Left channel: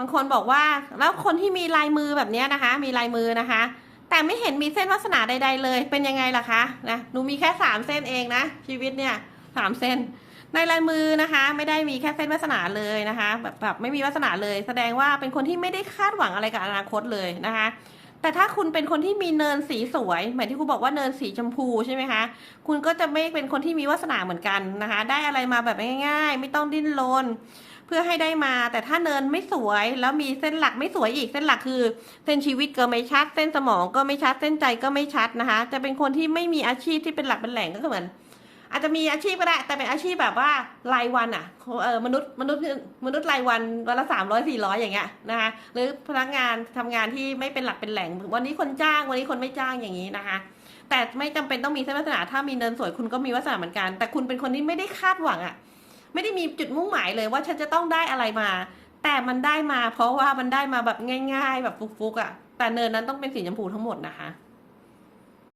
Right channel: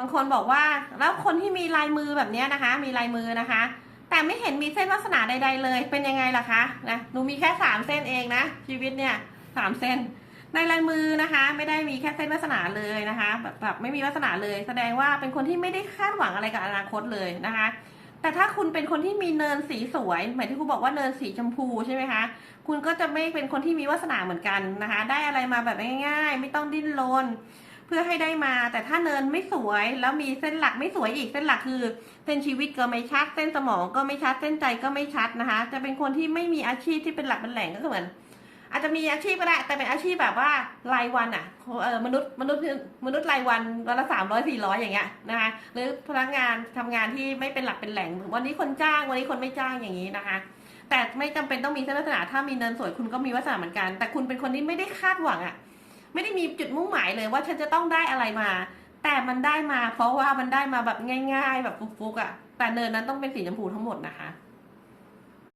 บางคนบอกว่าแล้วคนที่มีลายมือแบบนี้นะคะ มีลายมือนะคะ แต่ไม่เห็นมีเส้นลักษณะใด ๆ เลยเป็นยังไงล่ะคะนะหนูมีแค่สามเส้นเองนะชีวิตเนี่ยสามเส้น ในลายมือนะคะ ไม่ได้มีแค่เส้นวาสนาเลยนะคะ แบบแบบไม่มีวาสนาเลย แสดงว่าเป็นคนที่ไม่ได้คาดหวังอะไรกับอนาคตเลยนะคะแต่ถ้าคุณเป็นคนที่มีเนินสีสวยเหมายที่ครูบอกว่าเนินสีชมพูใช่ไหมคะ คุณก็จะไม่เป็นคนที่มีวาสนาเหมือนกันนะคะ ได้อะไรมาแบบง่าย ๆ ไม่ต้องดิ้นรน พื่อให้ได้มา แต่ถ้าเนินไม่สวยแล้วมีเส้นหลักไม่สวยอีกเส้นหลักคือ เส้นชีวิตก็ไม่ชัด เส้นสมองก็ไม่ชัด เส้นใจก็ไม่ชัดนะคะ จะเป็นคนที่ไม่มีอาชีพที่เป็นหลักเป็นแหล่งก็คือเหมือนอาจจะมีอาชีพก็ได้ แต่เป็นอาชีพแบบว่ารายวันอะเออมนุษย์มนุษย์มนุษย์รายวันวันละสามร้อยสี่ร้อยอย่างเงี้ยนะคะหรือพนักงานทำงานที่ไม่เป็นหลักเป็นแหล่ง วันนี้คนจ้างวันนี้คนไม่จ้างอย่างนี้นะคะ แต่ไม่จำเป็นต้องมีเส้นวาสนาถ้ามีเนินสวยคุณก็มีวาสนาเหมือนกัน แต่คุณเป็นคนที่ไม่ได้คาดหวังอะ ไม่ได้มีจุดมุ่งหมายเลยว่าฉันจะต้องได้อะไรมา แต่มันได้มา เพราะว่ามันได้มาแบบง่าย ๆ แบบฟุกๆอะแต่เนินนั้นต้องเป็นสีชมพูทั้งหมดนะคะ